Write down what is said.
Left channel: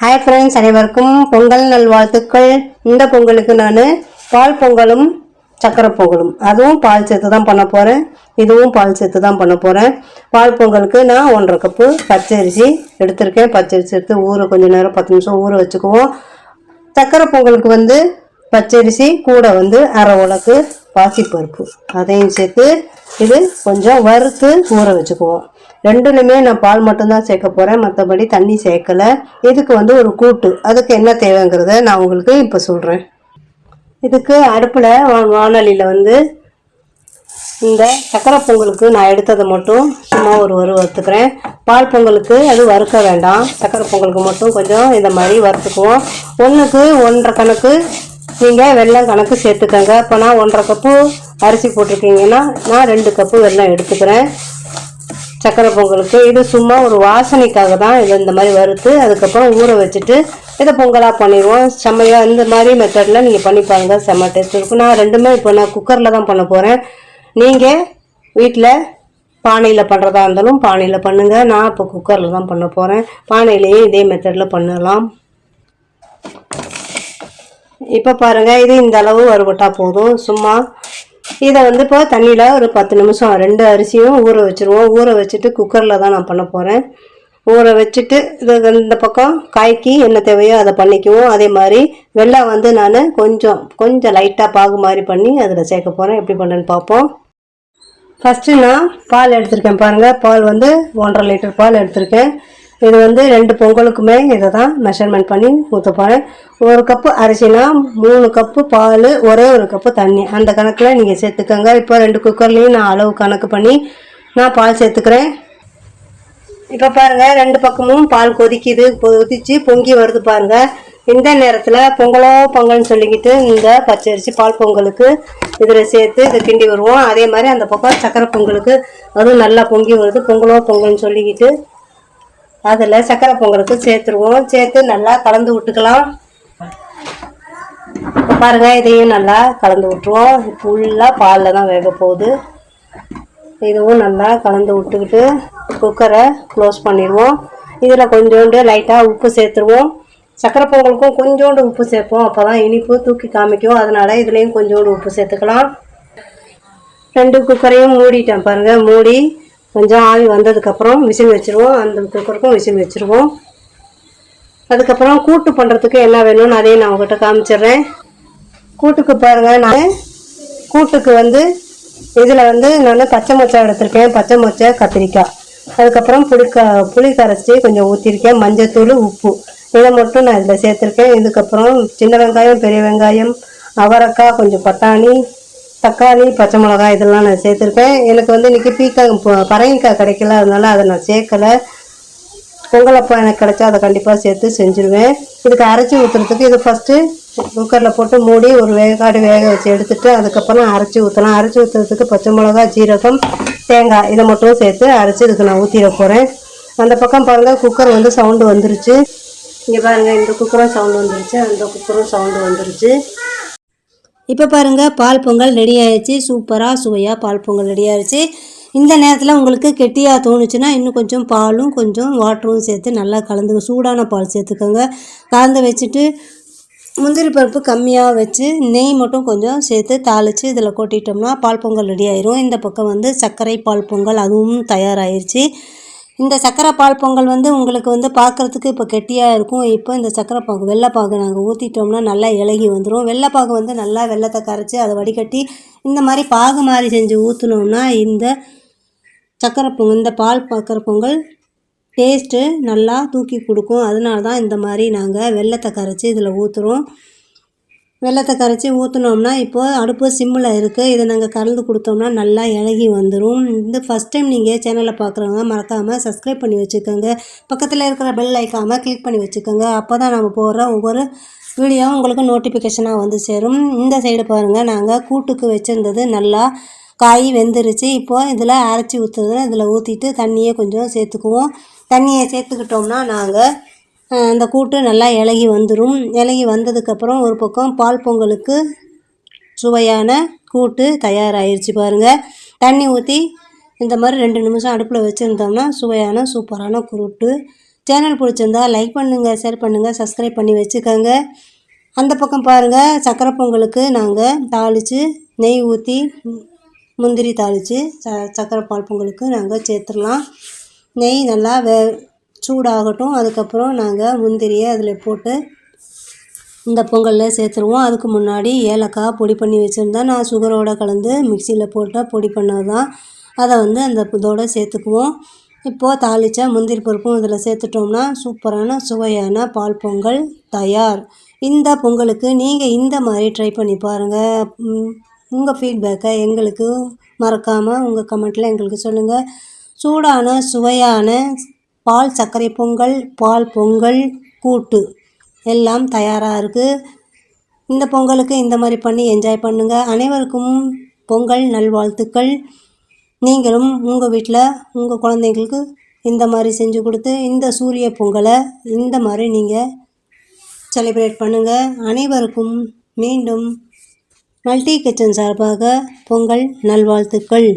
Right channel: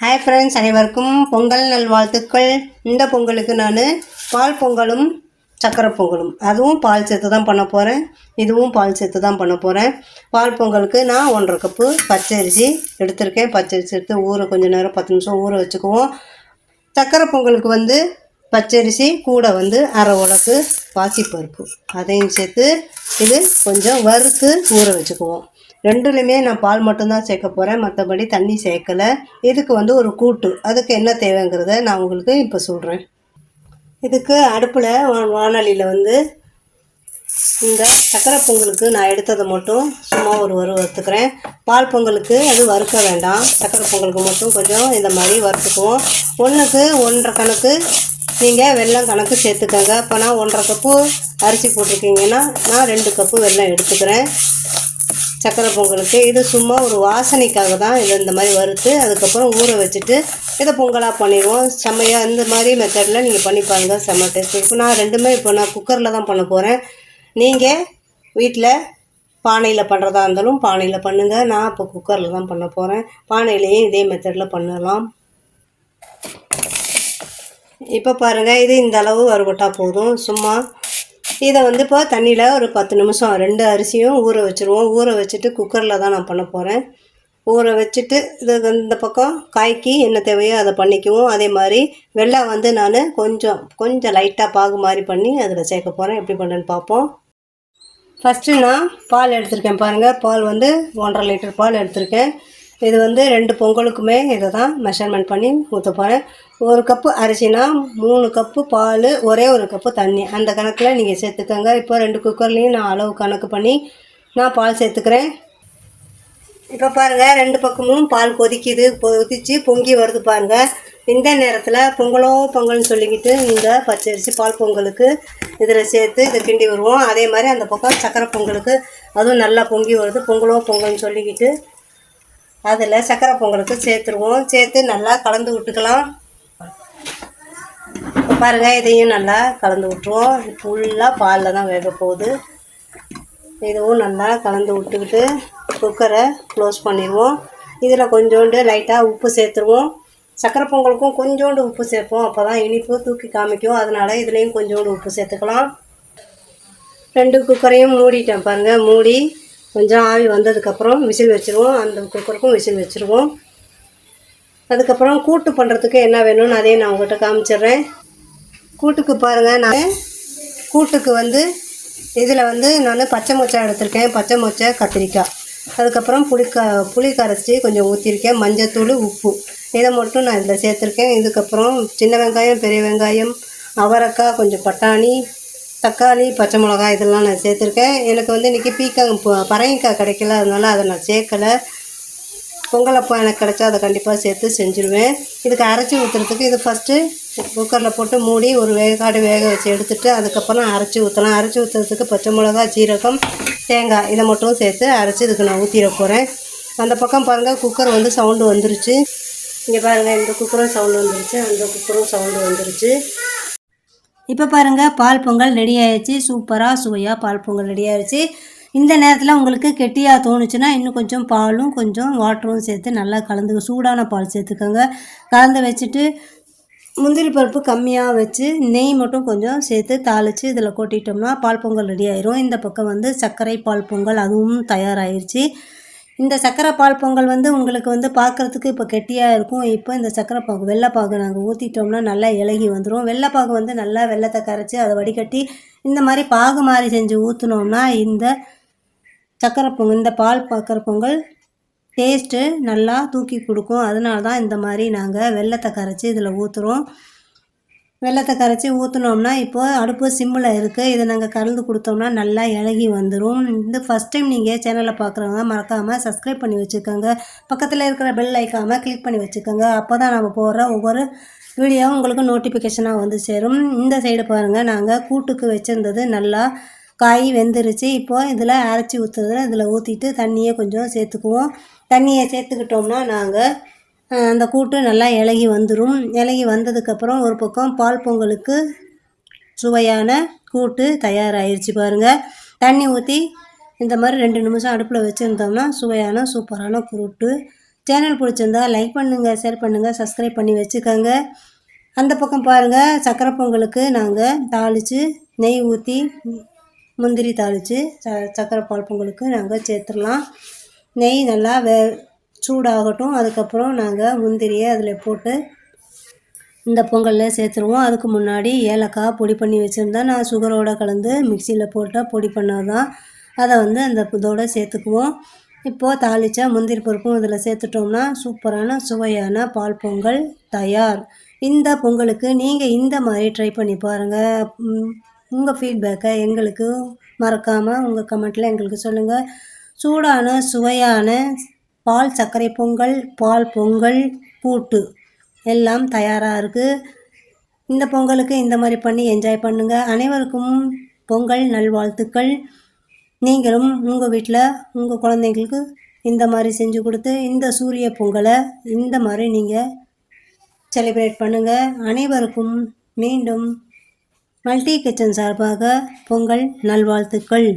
Hi friends அனைவருக்கும் பொங்கல் நல்வாழ்த்துக்கள். இந்த பொங்கலுக்கு நான் பால் பொங்கலும் சக்கரை பொங்கலும். அதுவும் பால் சேர்த்து தான் பண்ண போகிறேன் இதுவும் பால் சேர்த்து தான் பண்ண போகிறேன் பால் பொங்கலுக்கு நான் ஒன்றரை கப்பு பச்சரிசி எடுத்திருக்கேன். பச்சரிசி எடுத்து ஊற கொஞ்ச நேரம் பத்து நிமிஷம் ஊற வச்சுக்குவோம். சக்கரை பொங்கலுக்கு வந்து பச்சரிசி கூட வந்து அரை உலக்கு பாசிப்பருப்பு. அதையும் சேர்த்து இது கொஞ்சம் வறுத்து ஊற வச்சுக்குவோம். ரெண்டுலையுமே நான் பால் மட்டும்தான் சேர்க்க போகிறேன் மற்றபடி தண்ணி சேர்க்கலை. இதுக்கு வந்து ஒரு கூட்டு. அதுக்கு என்ன தேவைங்கிறத நான் உங்களுக்கு இப்போ சொல்கிறேன் இதுக்கு அடுப்பில் வானொலியில் வந்து இந்த சக்கரை பொங்கலுக்கு நான் எடுத்ததை மட்டும் சும்மா ஒரு ஒரு வறுத்துக்கிறேன். பால் பொங்கலுக்கு அது வறுக்க வேண்டாம். சக்கரை பொங்கலுக்கு மட்டும் கொஞ்சம் இந்த மாதிரி வறுத்துக்குவோம். ஒன்றுக்கு ஒன்றரை கணக்கு நீங்கள் வெள்ளம் கணக்கு சேர்த்துக்கோங்க. இப்போ நான் ஒன்றரை கப்பு அரிசி போட்டிருக்கீங்கன்னா நான் ரெண்டு கப்பு வெள்ளம் எடுத்துக்கிறேன். சக்கரை பொங்கலுக்கு. இது சும்மா ஒரு வாசனைக்காக தான் இதை இந்த மாதிரி வறுத்து அதுக்கப்புறம் ஊற வச்சுட்டு இதை பொங்கலாக பண்ணிடுவோம். செம்மையாக இந்த மாதிரி மெத்தடில் நீங்கள் பண்ணி பாருங்கள் செம்ம டேஸ்ட் இருக்கும். நான் ரெண்டுமே இப்போ நான் குக்கரில் தான் பண்ண போகிறேன் நீங்கள் வீட்டில் பானையில் பண்ணுறதா இருந்தாலும் பானையில் பண்ணுங்கள் நான் இப்போ குக்கரில் தான் பண்ண போகிறேன் பானையிலேயே இதே மெத்தடில் பண்ணலாம். இப்போ பாருங்கள் இது இந்த அளவு வறுபட்டா போதும். சும்மா இதை வந்து இப்போ தண்ணியில் ஒரு பத்து நிமிஷம் ரெண்டு அரிசியும் ஊற வச்சுருவோம். ஊற வச்சுட்டு குக்கரில் தான் நான் பண்ண போகிறேன் ஊற வச்சுட்டு இது இந்த பக்கம் காய்க்கு என்ன தேவையோ அதை பண்ணிக்குவோம். அதே மாதிரி வெள்ளம் வந்து நான் கொஞ்சம் கொஞ்சம் லைட்டாக பாகு மாதிரி பண்ணி அதில் சேர்க்க போகிறேன் எப்படி பண்ணுறேன்னு பார்ப்போம். ஃபஸ்ட்டு நான் பால் எடுத்திருக்கேன் பாருங்கள் பால் வந்து ஒன்றரை லிட்டர் பால் எடுத்திருக்கேன். இது வந்து ரெண்டு பொங்கலுக்குமே இதை தான் மெஷர்மெண்ட் பண்ணி ஊற்ற போகிறேன் ஒரு கப்பு அரிசினா மூணு கப்பு பால் ஒரே ஒரு கப்பு தண்ணி. அந்த கணக்கில் நீங்கள் சேர்த்துக்கோங்க. இப்போ ரெண்டு குக்கர்லேயும் நான் அளவு கணக்கு பண்ணி நான் பால் சேர்த்துக்கிறேன். இப்போ பாருங்கள் ரெண்டு பக்கமும் பால் கொதிக்குது கொதிச்சு பொங்கி வருது பாருங்கள் இந்த நேரத்தில் பொங்கலோ பொங்கல்னு சொல்லிக்கிட்டு இந்த பச்சரிசி பால் பொங்கலுக்கு இதில் சேர்த்து இதை கிண்டி வருவோம். அதே மாதிரி அந்த பக்கம் சக்கரை பொங்கலுக்கு அதுவும் நல்லா பொங்கி வருது. பொங்கலோ பொங்கல்னு சொல்லிக்கிட்டு அதில் சக்கரை பொங்கலுக்கு சேர்த்துருவோம். சேர்த்து நல்லா கலந்து விட்டுக்கலாம். பாருங்க இதையும் நல்லா கலந்து விட்டுருவோம். ஃபுல்லாக பாலில் தான் வேக போகுது. இதுவும் நல்லா கலந்து விட்டுக்கிட்டு குக்கரை க்ளோஸ் பண்ணிடுவோம். இதில் கொஞ்சோண்டு லைட்டாக உப்பு சேர்த்துருவோம். சக்கரை பொங்கலுக்கும் கொஞ்சோண்டு உப்பு சேர்ப்போம். அப்போ தான் இனிப்பு தூக்கி காமிக்கும். அதனால் இதுலேயும் கொஞ்சோண்டு உப்பு சேர்த்துக்கலாம். ரெண்டு குக்கரையும் மூடிட்டேன் பாருங்கள் மூடி. கொஞ்சம் ஆவி வந்ததுக்கப்புறம் மிஷின் வச்சுருவோம். அந்த குக்கருக்கும் மிஷின் வச்சுருவோம். அதுக்கப்புறம் கூட்டு பண்ணுறதுக்கு என்ன வேணும்னு அதையும் நான் உங்கள்கிட்ட காமிச்சிடுறேன். கூட்டுக்கு பாருங்கள் நான் கூட்டுக்கு வந்து இதில் வந்து நான் பச்சை மொச்சை எடுத்திருக்கேன். பச்சை மொச்சை கத்திரிக்காய். அதுக்கப்புறம் புளிக்க புளி கரைச்சி கொஞ்சம் ஊற்றிருக்கேன் மஞ்சத்தூள் உப்பு. இதை மட்டும் நான் இதில் சேர்த்துருக்கேன். இதுக்கப்புறம் சின்ன வெங்காயம் பெரிய வெங்காயம் அவரைக்காய் கொஞ்சம் பட்டாணி தக்காளி பச்சை மிளகாய் இதெல்லாம் நான் சேர்த்துருக்கேன். எனக்கு வந்து இன்றைக்கி பீக்காய் பரங்கிக்காய் கிடைக்கல. அதனால அதை நான் சேர்க்கலை. பொங்கலப்போ எனக்கு கிடைச்சா அதை கண்டிப்பாக சேர்த்து செஞ்சுருவேன். இதுக்கு அரைச்சி ஊற்றுறதுக்கு இது ஃபஸ்ட்டு குக்கரில் போட்டு மூடி ஒரு வேகாடு வேக வச்சு எடுத்துகிட்டு அதுக்கப்புறம் அரைச்சி ஊற்றலாம் அரைச்சி ஊற்றுறதுக்கு பச்சை மிளகா ஜீரகம் தேங்காய் இதை மட்டும் சேர்த்து அரைச்சி இதுக்கு நான் ஊற்றிட போகிறேன் அந்த பக்கம் பாருங்கள் குக்கர் வந்து சவுண்டு வந்துருச்சு. இங்கே பாருங்கள் இந்த குக்கரும் சவுண்டு வந்துருச்சு. அந்த குக்கரும் சவுண்டு வந்துருச்சு. இப்போ பாருங்கள் பால் பொங்கல் ரெடி ஆயிடுச்சு. சூப்பராக சுவையாக பால் பொங்கல் ரெடி ஆயிடுச்சு. இந்த நேரத்தில் உங்களுக்கு கெட்டியாக தோணுச்சுன்னா இன்னும் கொஞ்சம் பாலும் கொஞ்சம் வாட்டரும் சேர்த்து நல்லா கலந்து சூடான பால் சேர்த்துக்கோங்க. கலந்து வச்சுட்டு முந்திரி பருப்பு கம்மியாக வச்சு நெய் மட்டும் கொஞ்சம் சேர்த்து தாளித்து இதில் கொட்டிட்டோம்னா பால் பொங்கல் ரெடி ஆயிரும். இந்த பக்கம் வந்து சர்க்கரை பால் பொங்கல் அதுவும் தயாராகிருச்சு இந்த சக்கரை பால் பொங்கல் வந்து உங்களுக்கு வந்து பார்க்குறதுக்கு இப்போ கெட்டியாக இருக்கும். இப்போ இந்த சக்கரை பாகு வெள்ளைப்பாகு நாங்கள் ஊற்றிட்டோம்னா நல்லா இலகி வந்துடும் வெள்ளைப்பாகு வந்து நல்லா வெள்ளத்தை கரைச்சி அதை வடிகட்டி இந்த மாதிரி பாகு மாதிரி செஞ்சு ஊற்றினோம்னா இந்த சக்கரை பொங்கல் இந்த பால் சக்கரை பொங்கல் டேஸ்ட்டு நல்லா தூக்கி கொடுக்கும். அதனால தான் இந்த மாதிரி நாங்கள் வெள்ளத்தை கரைச்சி இதில் ஊற்றுறோம் வெள்ளத்தை கரைச்சி ஊற்றினோம்னா இப்போது அடுப்பு சிம்மில் இருக்குது இதை நாங்கள் கலந்து கொடுத்தோம்னா நல்லா இழகி வந்துடும் இந்த ஃபஸ்ட் டைம் நீங்கள் சேனலை பார்க்குறவங்க மறக்காமல் சப்ஸ்கிரைப் பண்ணி வச்சுக்கோங்க. பக்கத்தில் இருக்கிற பெல் ஐக்காமல் கிளிக் பண்ணி வச்சுக்கோங்க. அப்போ தான் நம்ம போடுற ஒவ்வொரு வீடியோவும் உங்களுக்கு நோட்டிஃபிகேஷனாக வந்து சேரும். இந்த சைடு பாருங்கள் நாங்கள் கூட்டுக்கு வச்சுருந்தது நல்லா காய் வெந்துருச்சு. இப்போது இதில் அரைச்சி ஊற்றுறது இதில் ஊற்றிட்டு தண்ணியை கொஞ்சம் சேர்த்துக்குவோம். தண்ணியை சேர்த்துக்கிட்டோம்னா நாங்கள் அந்த கூட்டு நல்லா இலகி வந்துடும் இலகி வந்ததுக்கப்புறம் ஒரு பக்கம் பால் பொங்கலுக்கு சுவையான கூட்டு தயாராகிருச்சு பாருங்கள் தண்ணி ஊற்றி இந்த மாதிரி ரெண்டு நிமிஷம் அடுப்பில் வச்சுருந்தோம்னா சுவையான சூப்பரான கூட்டு. சேனல் பிடிச்சிருந்தா லைக் பண்ணுங்கள் ஷேர் பண்ணுங்கள் சப்ஸ்கிரைப் பண்ணி வச்சுக்கோங்க. அந்த பக்கம் பாருங்கள் சக்கரை பொங்கலுக்கு நாங்கள் தாளித்து நெய் ஊற்றி முந்திரி தாளித்து ச சக்கரை பால் பொங்கலுக்கு நாங்கள் சேர்த்துடலாம். நெய் நல்லா வே சூடாகட்டும் அதுக்கப்புறம் நாங்கள் முந்திரியை அதில் போட்டு இந்த பொங்கலில் சேர்த்துருவோம். அதுக்கு முன்னாடி ஏலக்காய் பொடி பண்ணி வச்சுருந்தா நான் சுகரோடு கலந்து மிக்சியில் போட்டு பொடி பண்ணது தான் அதை வந்து அந்த இதோடு சேர்த்துக்குவோம். இப்போது தாளித்த முந்திரி பருப்பும் இதில் சேர்த்துட்டோம்னா சூப்பரான சுவையான பால் பொங்கல் தயார். இந்த பொங்கலுக்கு நீங்கள் இந்த மாதிரி ட்ரை பண்ணி பாருங்கள் உங்கள் ஃபீட்பேக்கை எங்களுக்கு மறக்காமல் உங்கள் கமெண்ட்டில் எங்களுக்கு சொல்லுங்கள் சூடான சுவையான பால் சர்க்கரை பொங்கல் பால் பொங்கல் கூட்டு எல்லாம் தயாராக இருக்குது இந்த பொங்கலுக்கு இந்த மாதிரி பண்ணி என்ஜாய் பண்ணுங்கள் அனைவருக்கும் பொங்கல் நல்வாழ்த்துக்கள். நீங்களும் உங்கள் வீட்டில் உங்கள் குழந்தைங்களுக்கு இந்த மாதிரி செஞ்சு கொடுத்து இந்த சூரிய பொங்கலை இந்த மாதிரி நீங்கள் செலிப்ரேட் பண்ணுங்கள் அனைவருக்கும் மீண்டும் மல்டி கிச்சன் சார்பாக பொங்கல் நல்வாழ்த்துக்கள்.